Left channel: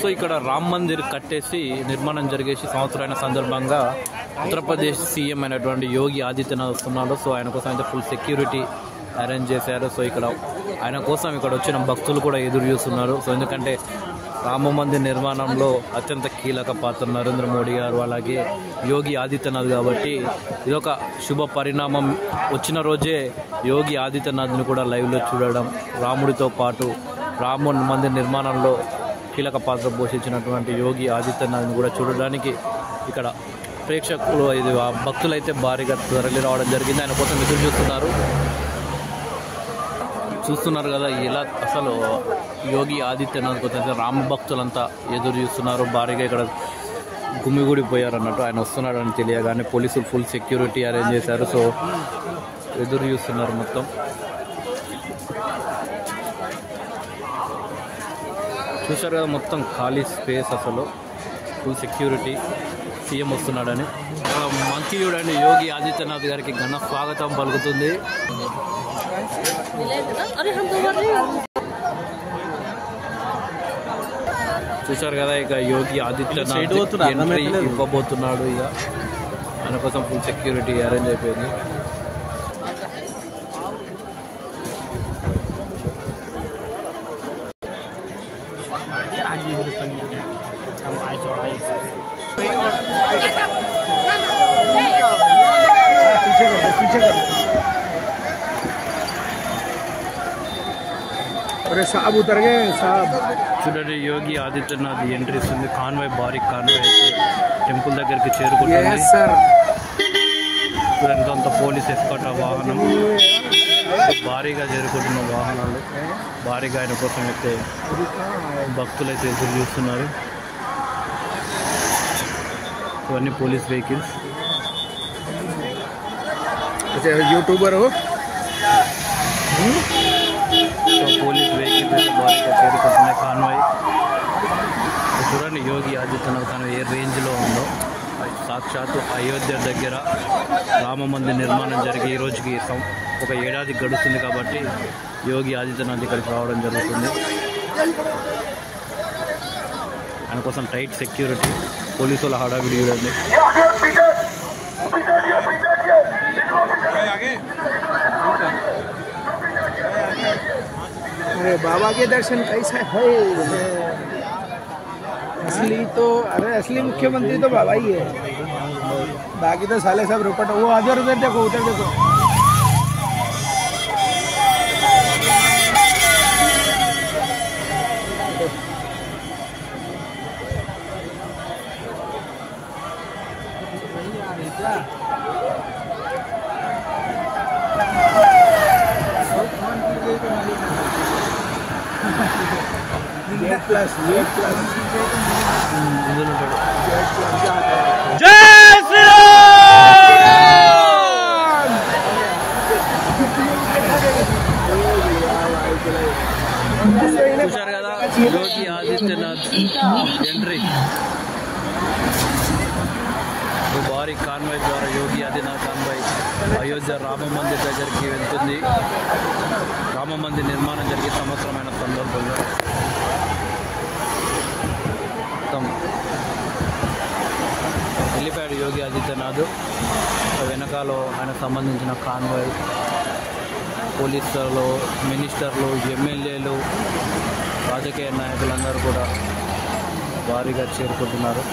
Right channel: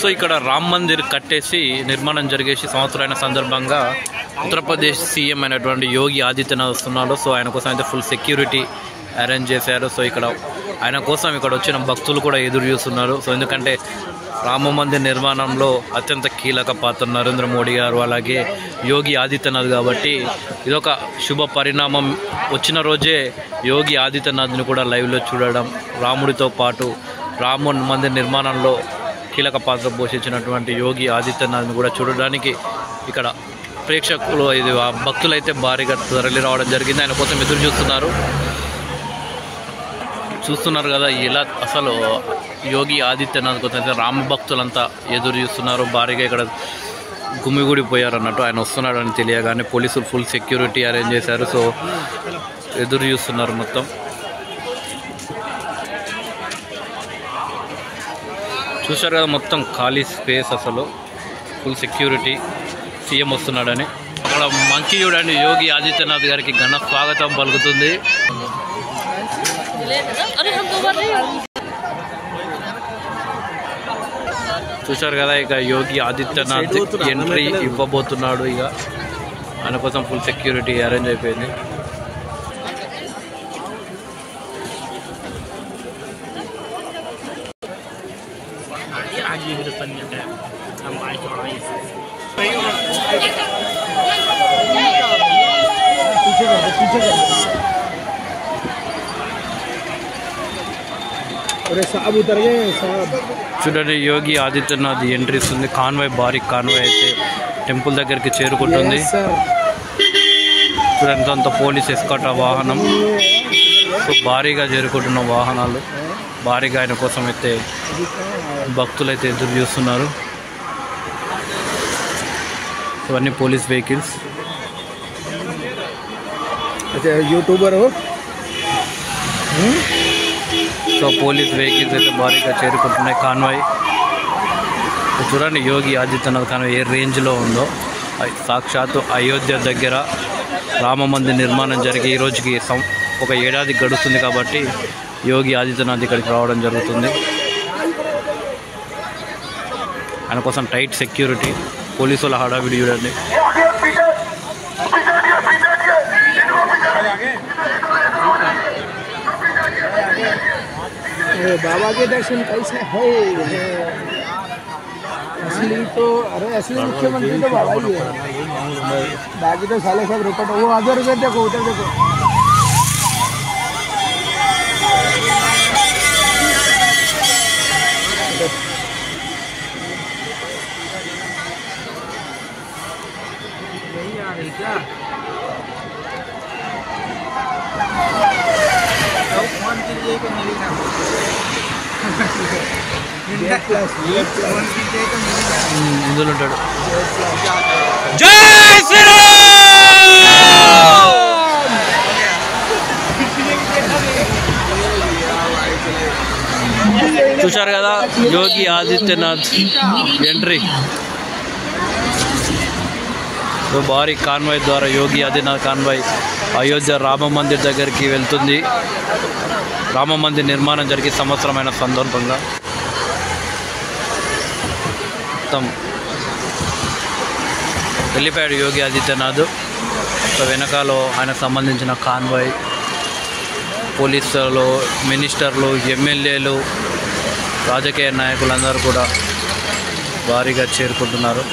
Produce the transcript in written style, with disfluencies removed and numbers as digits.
So ఇక్కడ రామ్ మందిర్ కట్టేసి నిర్మాణం జరిగేసి సంవత్సరాల సందర్భంగా ఉత్తరప్రదేశ్ సీఎం అయినటువంటి యోగి ఆదిత్యనాథ్ వస్తున్నాడు. సో ఆయన కోసం అయితే ఫుల్ సెక్యూరిటీ అరేంజ్ చేశారు. సో ఇక్కడ ఆయన కోసం ఇక్కడ వచ్చిన భక్తులు కూడా ఎదురు చూస్తున్నారు. సో ఎందుకంటే రామ మందిర్ నిర్మాణంలో అత్యంత కీలక పాత్ర నరేంద్ర మోడీ గారు అలాగే యోగి ఆదిత్యనాథ్ కాబట్టి ఇదొక శుభ పరిణామం. వచ్చిన రోజే యోగి ఆదిత్యనాథ్ని కూడా లైవ్లో చూడడం, రాముడితో పాటు రామ మందిర్ నిర్మాణంలో కీలక పాత్ర పోషించినటువంటి యోగి ఆదిత్యనాథ్ని కూడా చూడడానికి ఇక్కడ ప్రేక్షకులు ఇది భక్తులు అయితే భారీగా తరలి రావడం జరిగింది. ఆయన కోసం ఎదురు చూస్తున్నారు కదా. ఇలా అసలు యోగి ఆదిత్యనాథ్ కోసం రామ భక్తులంతా ఎదురు చూస్తున్నారు. భారీగా ఇక్కడ గుమిగూడిపోయారు అన్నట్టు. ఆయన వస్తున్నాడని తెలియగానే పోలీసులు ఫుల్ సెక్యూరిటీ అరేంజ్ చేశారు. సో ఎదురు చూస్తున్నారు మొత్తం. చూశారు కదా మొత్తం ఖాళీ స్పేస్, అసలు ఫుల్ సెక్యూరిటీ. సీఎం వస్తున్నాడని అక్కడ మంచి చూడండి. యోగి ఆదిత్యనాథ్ గారికి ఘన స్వాగతం పలుకుతుంది. చూశారు కదా ఇక యోగి ఆదిత్యనాథ్ ఎంట్రీ ఇవ్వబోతున్నాడు. ఇక ఆయన కోసం ఫుల్ సెక్యూరిటీ అరేంజ్ అయిపోయింది. చూడండి యోగి ఆదిత్యనాథ్ ఎంట్రీ ఇస్తుంది. కాన్వాయ్, భారీ కాన్వాయ్ అయితే టెంపుల్ దగ్గరికి చేరుకుంటుంది. చూడండి అంత పోలీస్ ఎస్కాట్ వాహనం, భారీగా చేరుకుంటున్న వాహనాలు, భారీగా ఆయన కోసం అయితే భక్తులు అయితే ఎదురు చూస్తున్నారు. ఇవన్నీ police vehicles. YouTuber so police vehicles అయితే భారీగా చేరుకుంటున్నాయి. కాన్వాయ్ చూడండి యోగి ఆదిత్యనాథ్ కాన్వాయ్ ఏ రేంజ్లో ఉందో. సాక్షాత్తు అయోధ్య దగ్గర రామ మందిర్ నిర్మాణం జరిగి ఈ రోజుకి ఒక ఏడాది గడుస్తుంది కాబట్టి యోగి ఆదిత్యనాథ్ ఇక్కడికి రావడం జరుగుతుంది. ఆయన కోసం టైట్ సెక్యూరిటీ, పోలీసుల హడావిడి చూడండి. बाबा के दर्शन कैसे है? असली तो असली मुख्यमंत्री तो बाबा ही है, बाकी तो साले सब रुपट। वो उधर देखो, उधर देखो। क्या ఇందులో ఉంటాడు. జై శ్రీరామ్. చూశారు కదా యోగి ఆదిత్యనాథ్ ఎంట్రీ. భారీ కాన్వాయ్ ద్వారా యోగి ఆదిత్యనాథ్ కాన్వాయ్ అయోధ్య రామ మందిర్ దగ్గరికి వెళ్తుంది. రామ మందిర్ నిర్మాణం జరిగే సంవత్సరమైన సందర్భంగా మొత్తం వెళ్ళిపోయాడు యోగి ఆదిత్యనాథ్. వెనకాల ఆయనకు సంబంధించిన కాన్వాయ్, పోలీసులు, మినిస్టర్లు, ఎమ్మెల్యేలు, రాజకీయ నాయకులందరూ కూడా భారీగా చేరుకుంటున్నారు.